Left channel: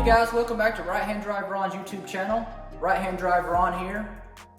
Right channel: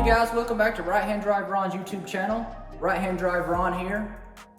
Hey guys, welcome back to Right Hand Drive Ron's YouTube channel. Right Hand Drive Ron here.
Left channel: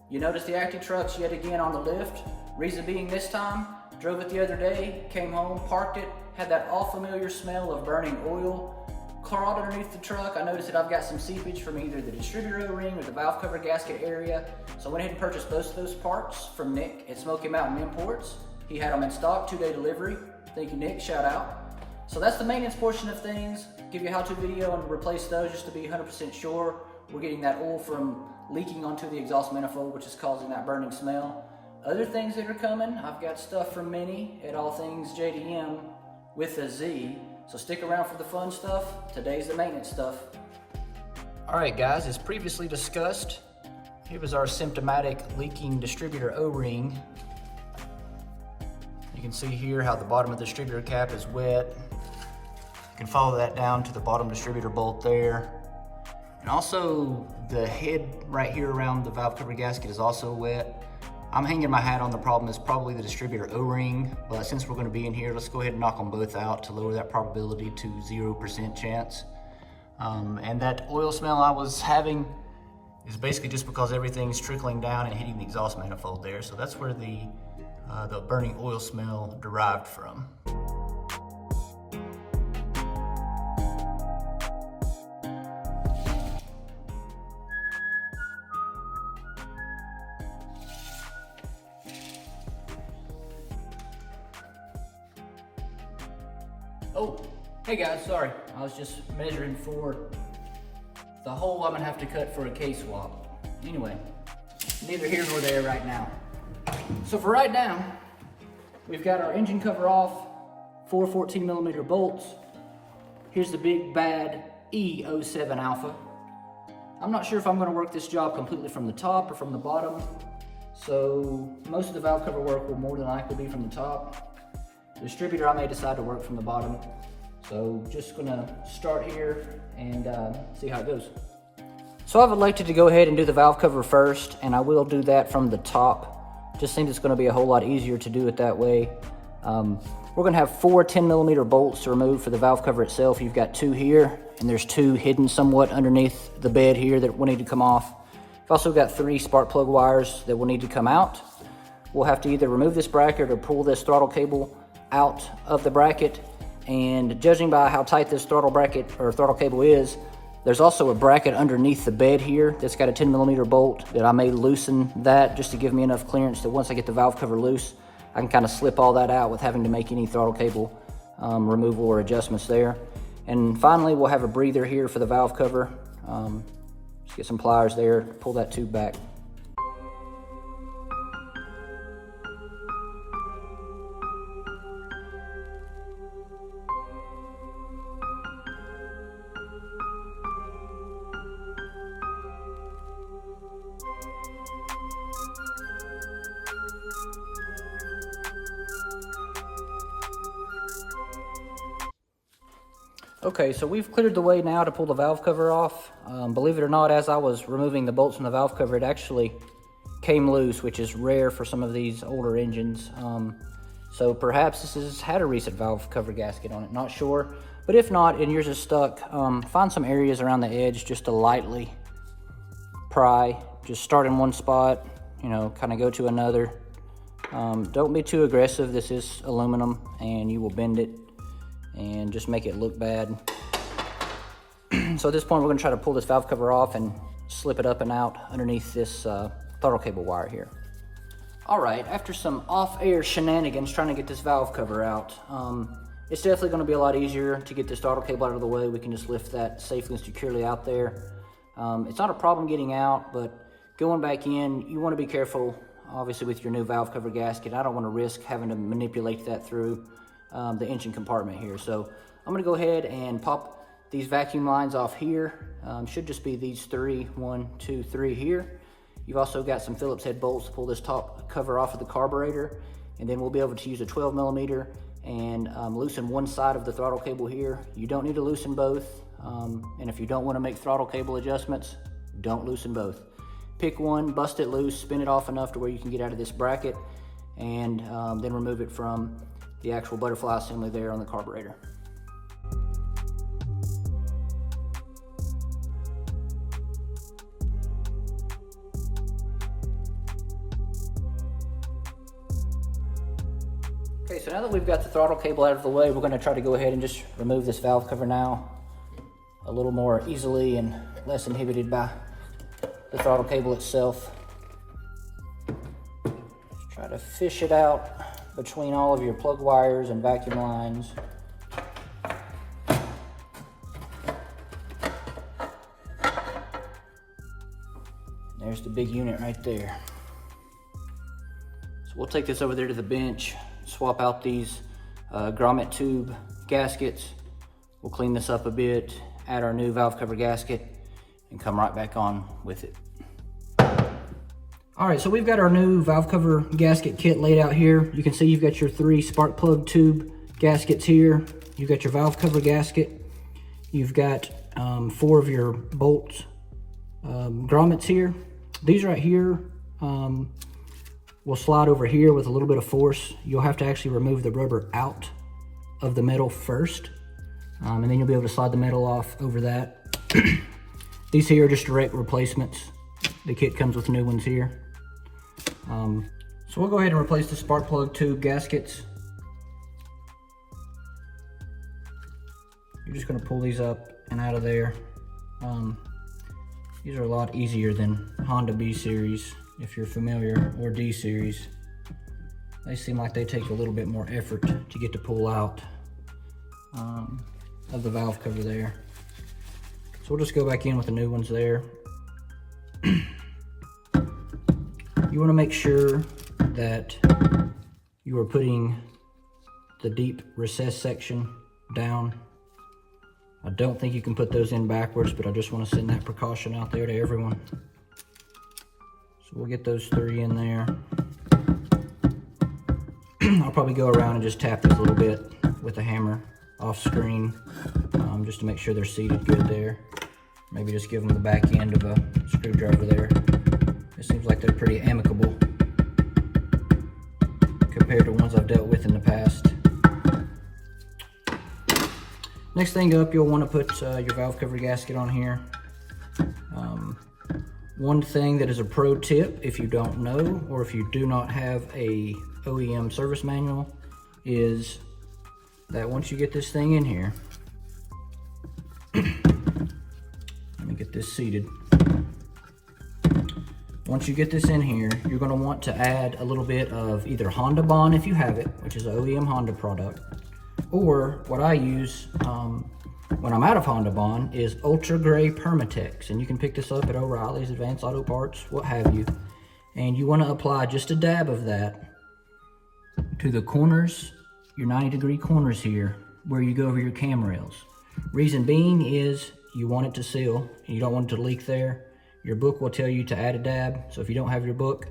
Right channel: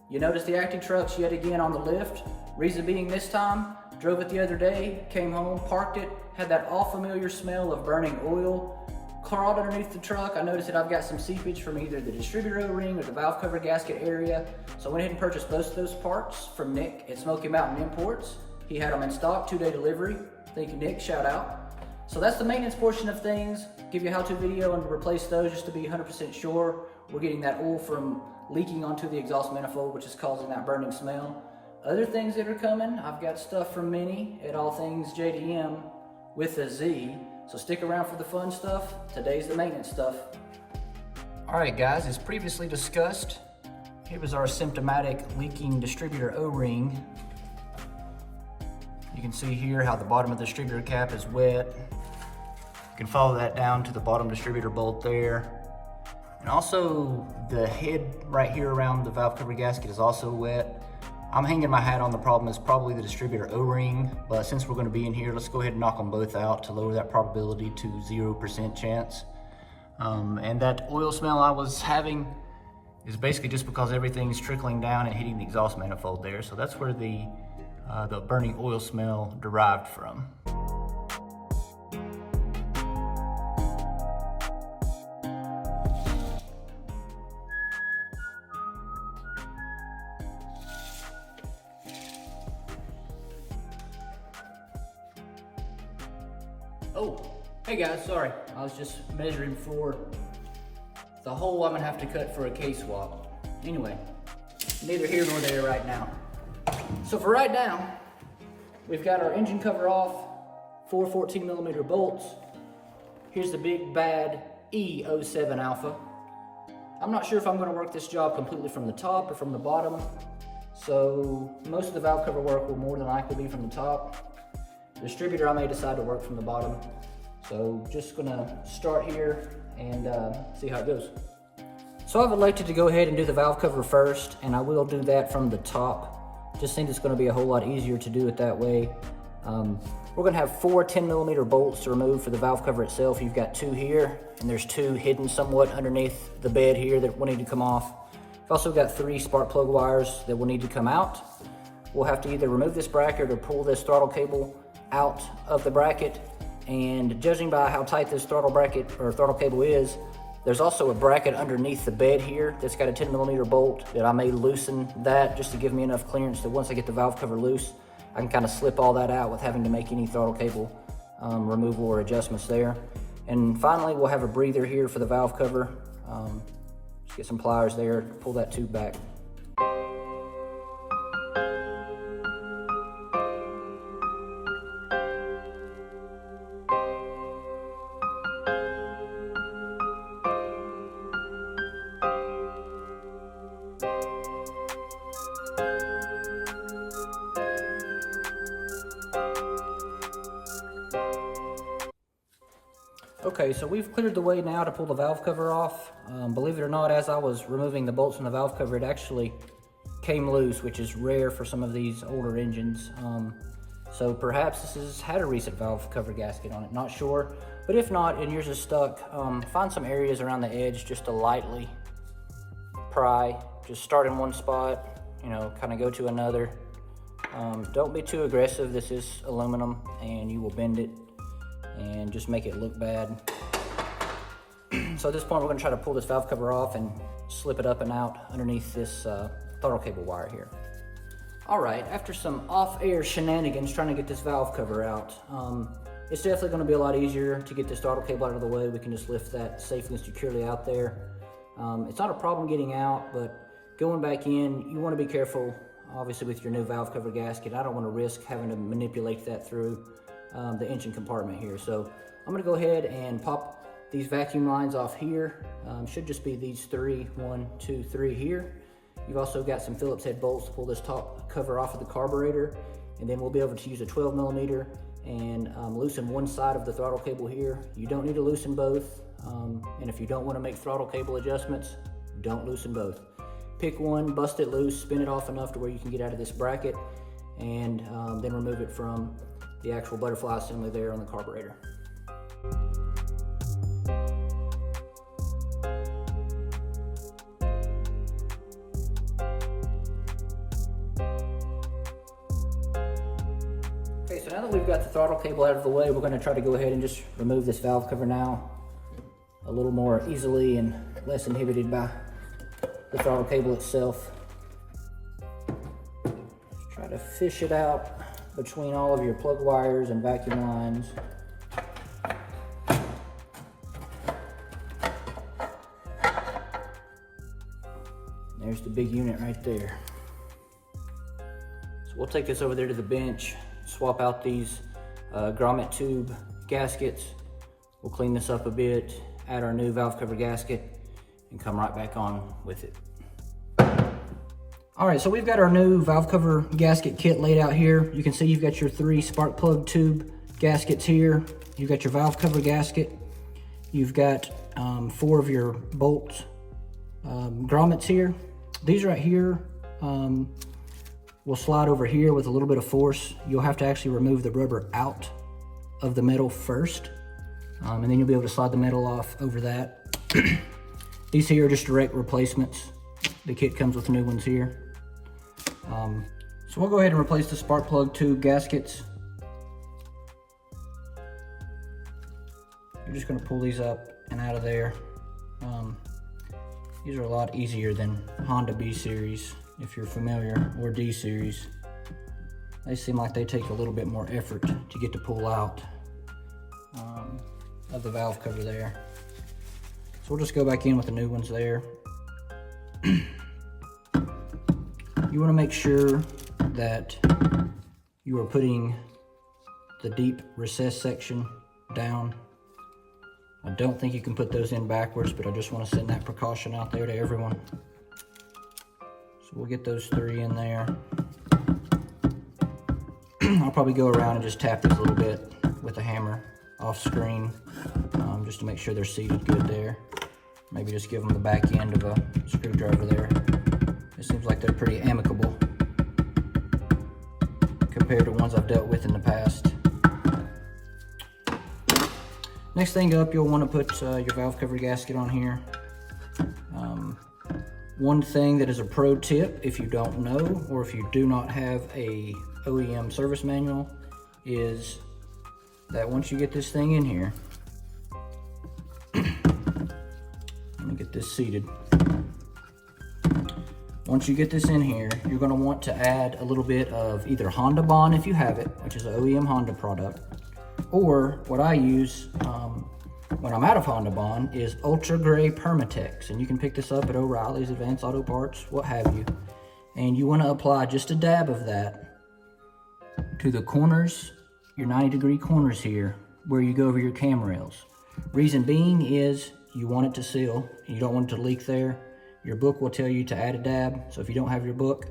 You notice the Acty truck's yet again on the lift. Reason being this time, drove it the other day, came home, parked it, had that all familiar smell of burning oil. Crawled underneath the truck. I noticed that I've got some seepage from either the distributor O-ring or the valve cover gasket area. So I went ahead and purchased both of those parts from Nick at Smoky Mountain Imports. He had them in stock, 2-day delivery. Thank you, Nick, shout out. So that's the maintenance portion of things. Give you a how-to video and replace those just to be 100% sure we're getting that oil from leaking onto the exhaust manifold, which is causing that burning smell. Other things that are coming, I've got stuff from Minnie at All Things JDM with a Z. So stick around for the fun stuff. Today's the maintenance stuff. All right guys, as previously discussed, here was our symptomatic leaking distributor O-ring. You can see here how the bottom of the distributor cap is wet. You can follow that down to the bottom distributor bolt there. And also the head right here around the valve cover gasket is also wet. I'm hanging my hat on the problem is probably the distributor O-ring, but since we're going to be in here, let's go ahead and knock them both out to lower that probability to 0% chance. And that oil smell I was having is basically just because everything's trickling down and hitting the exhaust manifold there. So that's where the burning oil smell derived from. Oh, hey guys, sorry. I was just measuring for the hole I'm gonna have to cut for a K-swap. Anyway, neither here nor there right now. So for right now, we've got our engine cover off, 4 14mm bolts. Here's the big bad E07 Alpha. I'm not sure if I'm gonna work this job completely from the top or from the bottom. So most of the valve cover work will more than likely be from the top. The distributor, I may decide to work from the bottom. So just gonna start here and see how it goes. So I've elected to go ahead and do the valve cover first, and I will do that from the top. Just think it's gonna be a whole lot easier to do it that way. We're gonna have 4 10mm bolts to remove for the valve cover itself. You've got 2 here, and there's 2 hidden somewhat underneath the bed here that will need to come off. I've also got 3 spark plug wires that will need to come out. We'll have to either remove this bracket or pull this throttle cable out of the bracket, and judging by how tight this throttle bracket or throttle cable is, there's also a bracket underneath the bed here that's got a 10mm bolt that I may loosen that just to give me enough clearance that once I get the valve cover loose, I can kind of slip all that out with having to make any throttle cable removal or adjustments there. And finally, we'll have a breather here for the valve cover. Just get some pliers there, pull that tube back. Okay, so we've cleared the way now to pull the valve cover off. Believe it or not, as I was removing the bolts from the valve cover, it actually came loose, which is rare for some of these older engines. So perhaps this has had a recent valve cover gasket on it, not sure. But if not, and yours is stuck, find some areas around the edge just to lightly pry. Just start in one spot, you know, kind of go to another. Don't be too aggressive. This is aluminum and you will bend it and just make it look bad. So at this point, we're gonna try to pull this valve cover off and slip it up and out underneath this throttle cable wire here. All right, after some off-air shenanigans trying to get this valve cover out, it's definitely gonna be a lot easier to get this throttle cable out of the way. We can just lift that safely and securely out there. It's not a problem getting out, but going back in, you wanna be careful, obviously with your new valve cover gasket. I don't wanna risk having to manipulate that through the engine compartment here. So I'm gonna go ahead and pop these vacuum lines off here. Should just be these 3, 1, 2, 3 here. You've also got some Phillips head bolts to pull this top cover off of the carburetor, and then we'll be able to use a 12mm and loosen one side of the throttle cable here. You don't need to loosen both, and if you don't want to make throttle cable adjustments, don't loosen both. Pick one, bust it loose, spin it off enough to where you can get out of this bracket, and then remove it from the actual butterfly assembly there on the carburetor. Okay, so now that we've got the throttle cable out of the way, we're going to try to go ahead and just remove this valve cover now a little more easily and less inhibited by the throttle cable itself. Try to fish it out between all of your plug wires and vacuum lines. There's the big unit right there. So we'll take this over there to the bench, swap out these grommet tube gaskets. We'll clean this up a bit, add our new valve cover gasket, and come right back on with it. All right, so we've got our new valve cover gasket kit laid out here. You can see you've got your 3 spark plug tube gaskets here. You've got your valve cover gasket. You've got 4 of your bolt grommets here. These right here will slide over here with a little bit of force. You'll have to actually remove the rubber out of the metal first, and then you'll be able to slide the metal off over that. These here are just direct replacements. The kit comes with new ones here. So we'll go ahead and replace the spark plug tube gaskets. You're just going to pull these up and out of there. These are a lot easier than Honda B series, if you're familiar, or D series. They seem like they take a little bit more effort to get to pull out of the valve cover there. So we'll just go back in with the new ones there. You want to make sure that you are putting the deep recess section down. I don't think you can put those in backwards, but I just want to send that precaution out there to everyone. So we'll get those 3 in there. I'll probably go around and just tap these a little bit with a hammer off screen, just to make sure they're seated good there. Maybe just give them the back end of a screwdriver there. It seems like they're pretty amicable compared to ones I've dealt with in the past. Next thing up, you'll want to put your valve cover gasket on here. One thing that is a pro tip, if you don't know, or if you do not have a OEM service manual, is that once you get this thing in here, let me get this seated. Once you get this in here, you're going to want to add a little bit of either Honda Bond if you have it, which is an OEM Honda product, or what I use when I'm out of Honda Bond is Ultra Gray Permatex, and you can pick this up at O'Reilly's, Advanced Auto Parts, what have you. And you want to apply just a dab of that to the corners, your 90-degree corners here, where you go over your cam rails. Reason being is you want it to seal, and you don't want it to leak there. Your book will tell you to add a dab, so if you don't have your book,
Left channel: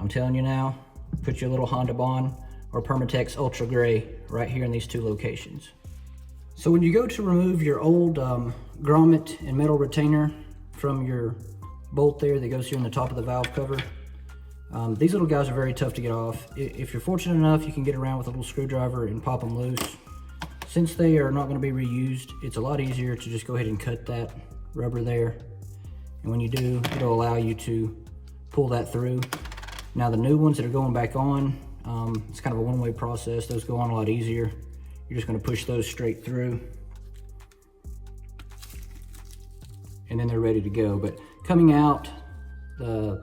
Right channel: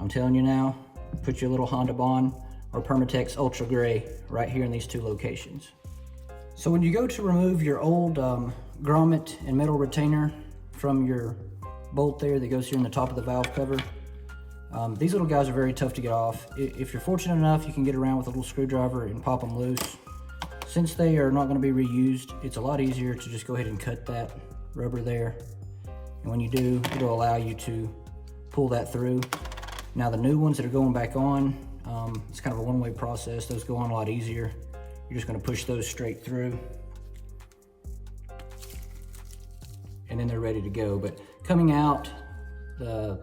I'm telling you now, put your little Honda Bond or Permatex Ultra Gray right here in these 2 locations. So when you go to remove your old grommet and metal retainer from your bolt there that goes here in the top of the valve cover, these little guys are very tough to get off. If you're fortunate enough, you can get around with a little screwdriver and pop them loose. Since they are not going to be reused, it's a lot easier to just go ahead and cut that rubber there. And when you do, it'll allow you to pull that through. Now the new ones that are going back on, it's kind of a one-way process. Those go on a lot easier. You're just going to push those straight through, and then they're ready to go. But coming out, the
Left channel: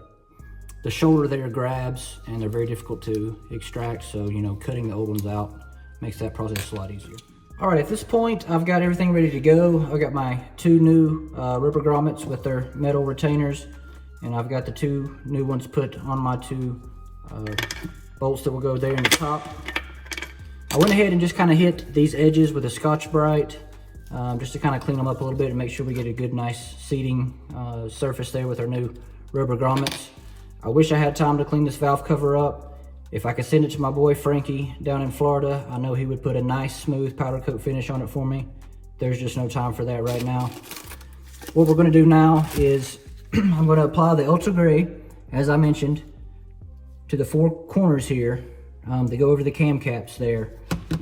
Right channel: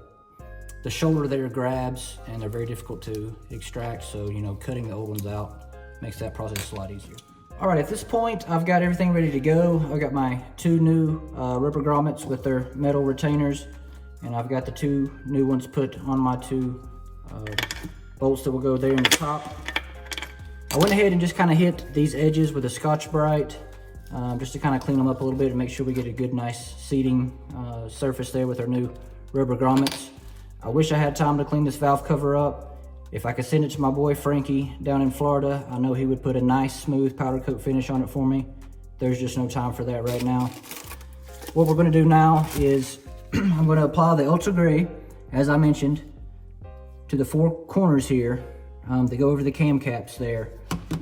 shoulder there grabs, and they're very difficult to extract. So, you know, cutting the old ones out makes that process a lot easier. All right, at this point, I've got everything ready to go. I've got my 2 new rubber grommets with their metal retainers, and I've got the 2 new ones put on my 2 bolts that will go there in the top. I went ahead and just kind of hit these edges with a Scotch-Brite just to kind of clean them up a little bit and make sure we get a good, nice seating surface there with our new rubber grommets. I wish I had time to clean this valve cover up. If I could send it to my boy Frankie down in Florida, I know he would put a nice, smooth powder coat finish on it for me. There's just no time for that right now. What we're going to do now is I'm going to apply the Ultra Gray, as I mentioned, to the 4 corners here. They go over the cam caps there.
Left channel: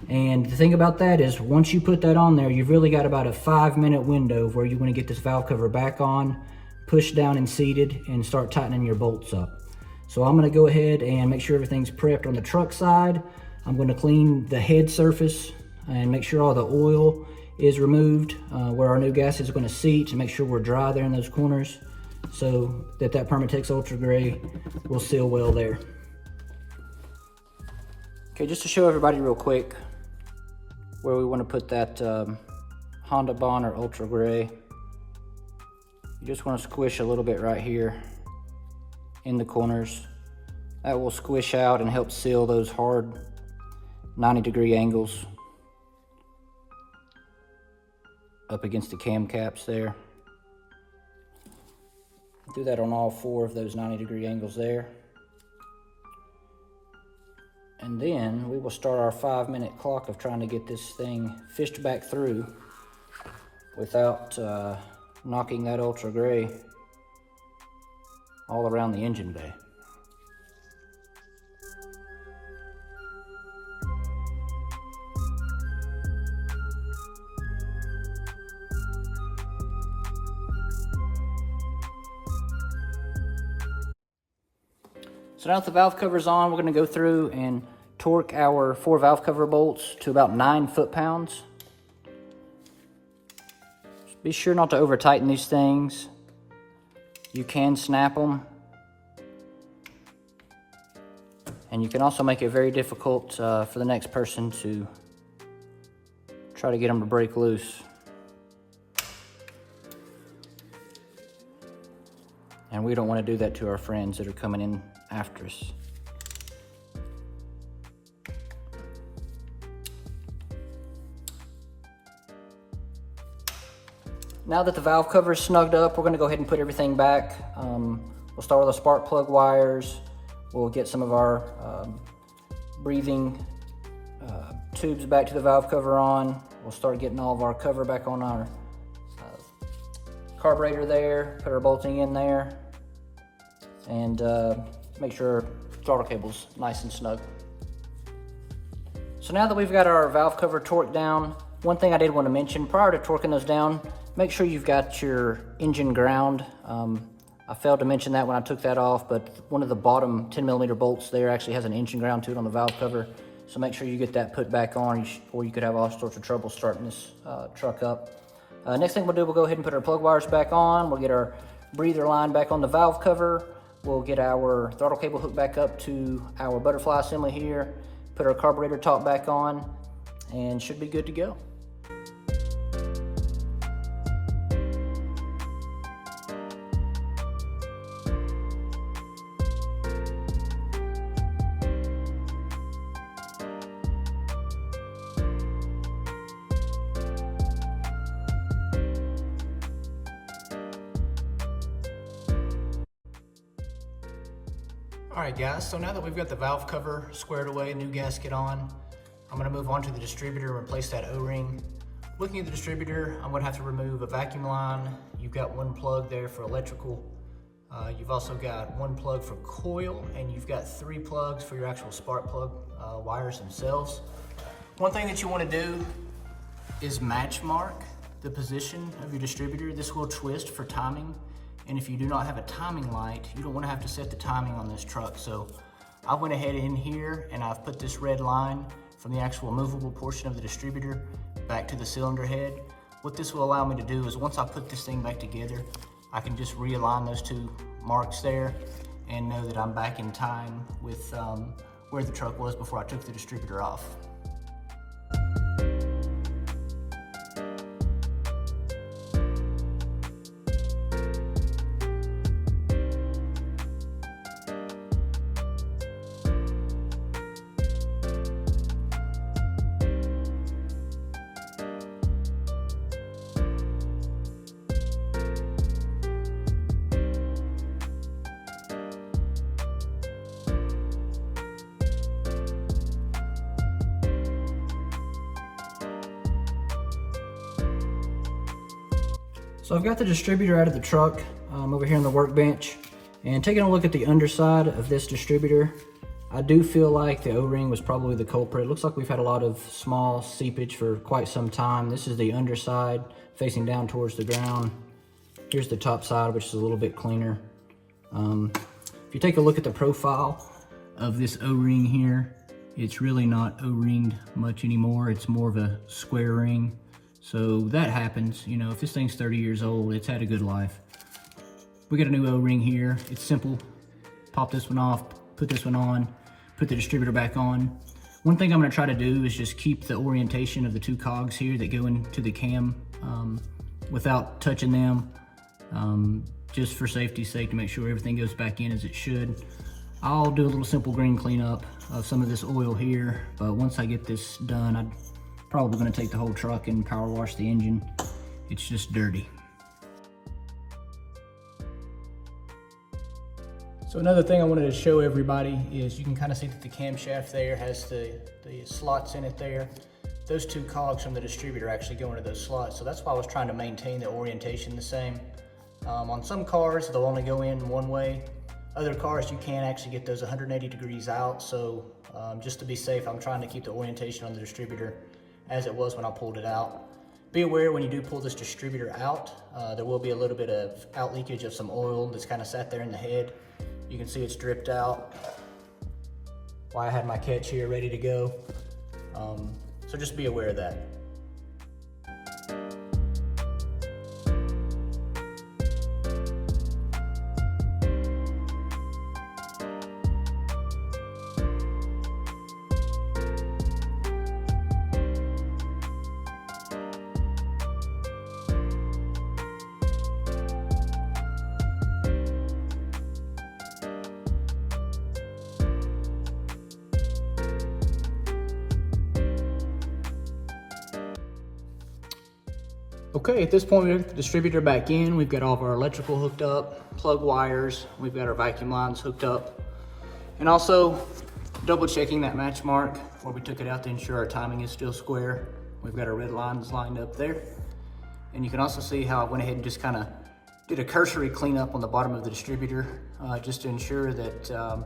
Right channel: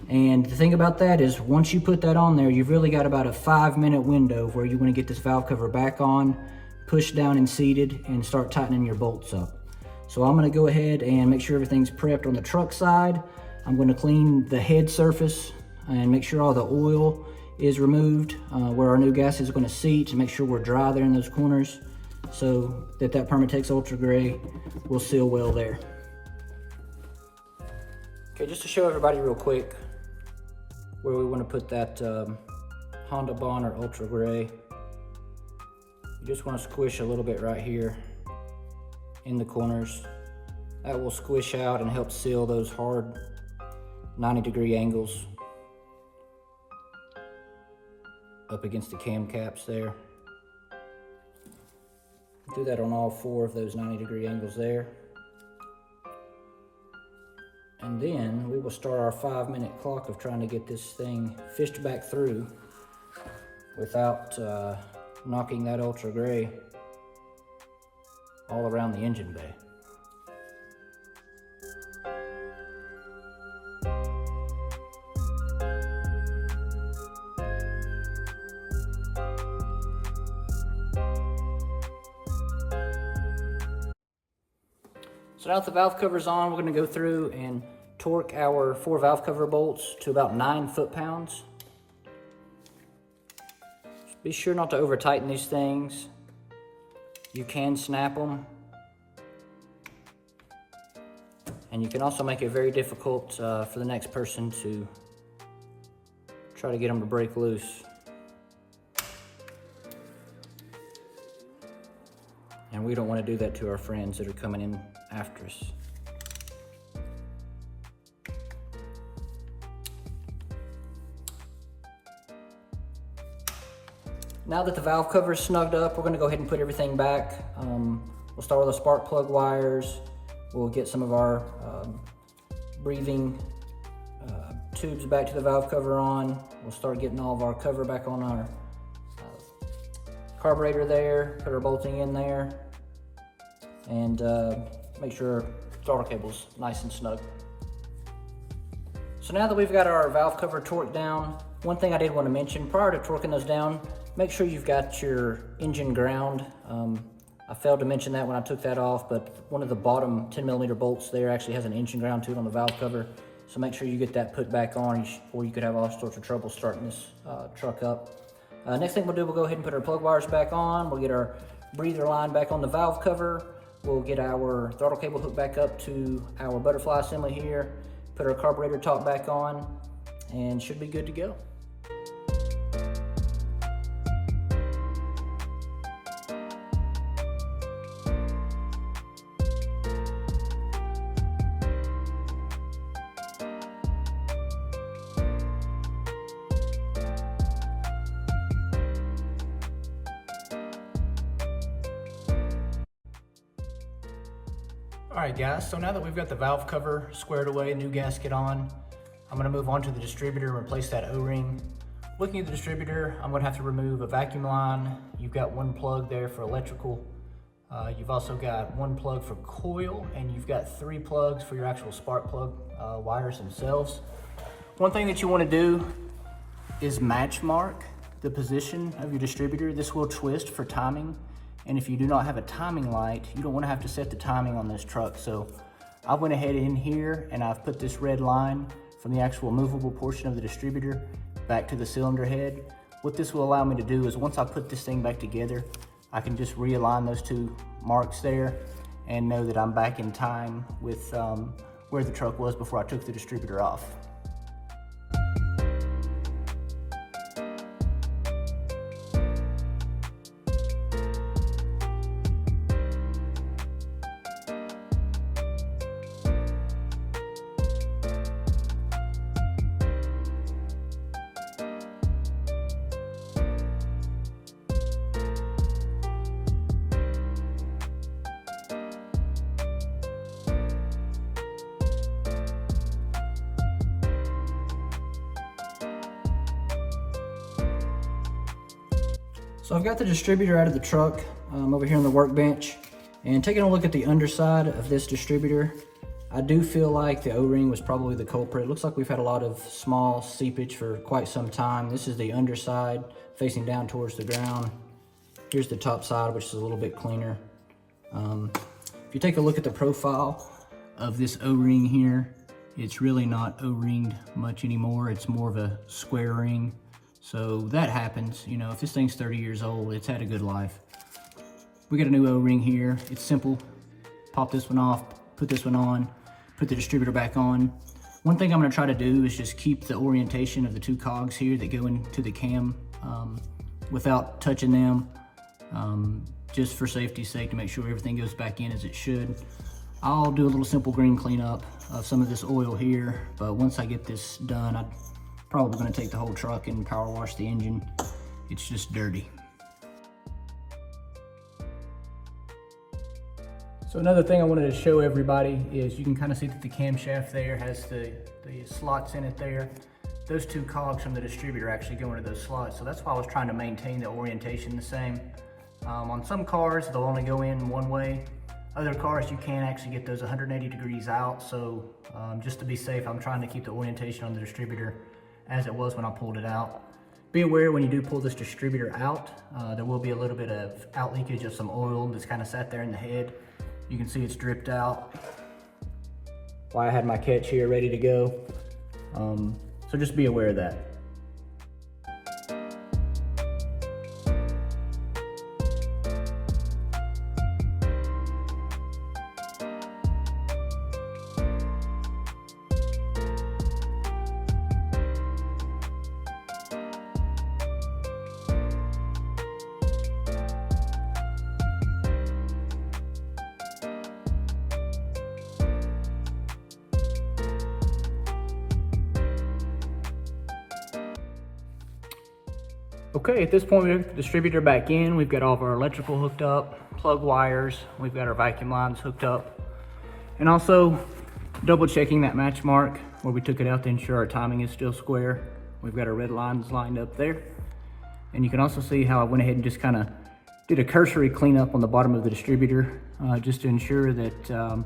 And the thing about that is once you put that on there, you've really got about a 5-minute window where you want to get this valve cover back on, push down and seated, and start tightening your bolts up. So I'm going to go ahead and make sure everything's prepped on the truck side. I'm going to clean the head surface and make sure all the oil is removed where our new gasket is going to seat, and make sure we're dry there in those corners so that Permatex Ultra Gray will seal well there. Okay, just to show everybody real quick where we want to put that Honda Bond or Ultra Gray. You just want to squish a little bit right here in the corners. That will squish out and help seal those hard 90-degree angles up against the cam caps there. Do that on all 4 of those 90-degree angles there. And then we will start our 5-minute clock of trying to get this thing fished back through without knocking that Ultra Gray all around the engine bay. So now that the valve cover's on, we're going to go through and torque our 4 valve cover bolts to about 9 foot-pounds. Be sure not to over tighten these things. You can snap them. And you can also make it very difficult for the next person to try to get them to break loose. And we don't want to do that to our friends that are coming in after us. Now that the valve cover is snugged up, we're going to go ahead and put everything back. We'll start with the spark plug wires. We'll get some of our breathing tubes back to the valve cover on. We'll start getting all of our cover back on our carburetor there, put our bolting in there, and make sure throttle cable's nice and snug. So now that we've got our valve cover torqued down, one thing I did want to mention prior to torquing those down, make sure you've got your engine ground. I failed to mention that when I took that off, but one of the bottom 10mm bolts there actually has an engine ground to it on the valve cover. So make sure you get that put back on, or you could have all sorts of trouble starting this truck up. Next thing we'll do, we'll go ahead and put our plug wires back on. We'll get our breather line back on the valve cover. We'll get our throttle cable hooked back up to our butterfly assembly here. Put our carburetor top back on, and should be good to go. Alright guys, so now that we've got the valve cover squared away, new gasket on, I'm going to move on to the distributor and replace that O-ring. Looking at the distributor, I'm going to have to remove a vacuum line. You've got 1 plug there for electrical. You've also got 1 plug for coil, and you've got 3 plugs for your actual spark plug wires themselves. One thing that you want to do is match mark the position of your distributor. This will twist for timing. And if you do not have a timing light, you don't want to have to set the timing on this truck. So I went ahead in here and I've put this red line from the actual movable portion of the distributor back to the cylinder head. What this will allow me to do is once I put this thing back together, I can just realign those 2 marks there and know that I'm back in time with where the truck was before I took the distributor off. So I've got the distributor out of the truck over here on the workbench, and taking a look at the underside of this distributor, I do feel like the O-ring was probably the culprit. It looks like we've had a lot of small seepage for quite some time. This is the underside facing down towards the ground. Here's the top side, which is a little bit cleaner. If you take a look at the profile of this O-ring here, It's really not O-ringed much anymore. It's more of a square ring. So that happens, you know, if this thing's 30 years old, it's had a good life. We got a new O-ring here. It's simple. Pop this one off, put this one on, put the distributor back on. One thing I'm gonna try to do is just keep the orientation of the two cogs here that go into the cam without touching them, just for safety's sake, to make sure everything goes back in as it should. I'll do a little simple green cleanup of some of this oil here, but once I get this done, I'm probably gonna take the whole truck and power wash the engine. It's just dirty. So another thing I wanted to show everybody is you can kind of see that the camshaft there has the slots in it there. Those two cogs from the distributor actually go into those slots. So that's why I was trying to maintain the orientation the same. On some cars, they'll only go in one way. Other cars, you can actually get those 180 degrees out. So just to be safe, I'm trying to keep the orientation on the distributor as it was when I pulled it out. Be aware when you do pull this distributor out, there will be a little bit of out leakage of some oil that's kind of sat there in the head. You can see it's dripped out. Why I had my catch here ready to go. So just be aware of that. Okay, at this point we have the distributor back in. We've got all of our electrical hooked up, plug wires. We've got our vacuum lines hooked up. And also double checking that match mark where we took it out to ensure our timing is still square. We've got our red lines lined up there. And you can also see how I went ahead and just kind of did a cursory cleanup on the bottom of the distributor just to ensure that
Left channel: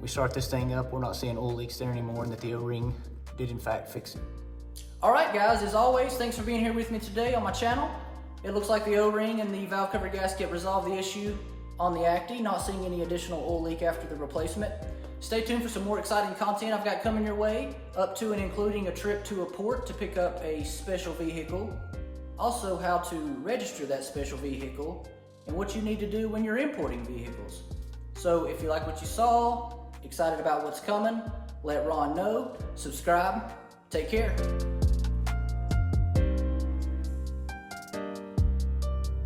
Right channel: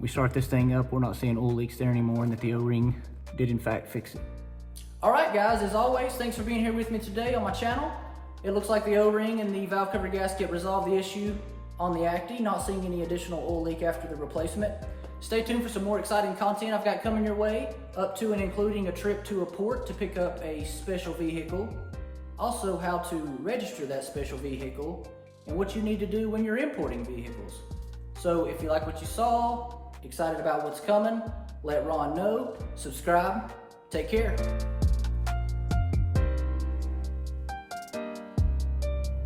we start this thing up, we're not seeing oil leaks there anymore, and that the O-ring did in fact fix it. All right, guys, as always, thanks for being here with me today on my channel. It looks like the O-ring and the valve cover gasket resolved the issue on the Acty, not seeing any additional oil leak after the replacement. Stay tuned for some more exciting content I've got coming your way, up to and including a trip to a port to pick up a special vehicle, also how to register that special vehicle, and what you need to do when you're importing vehicles. So if you like what you saw, excited about what's coming, let Ron know, subscribe, take care.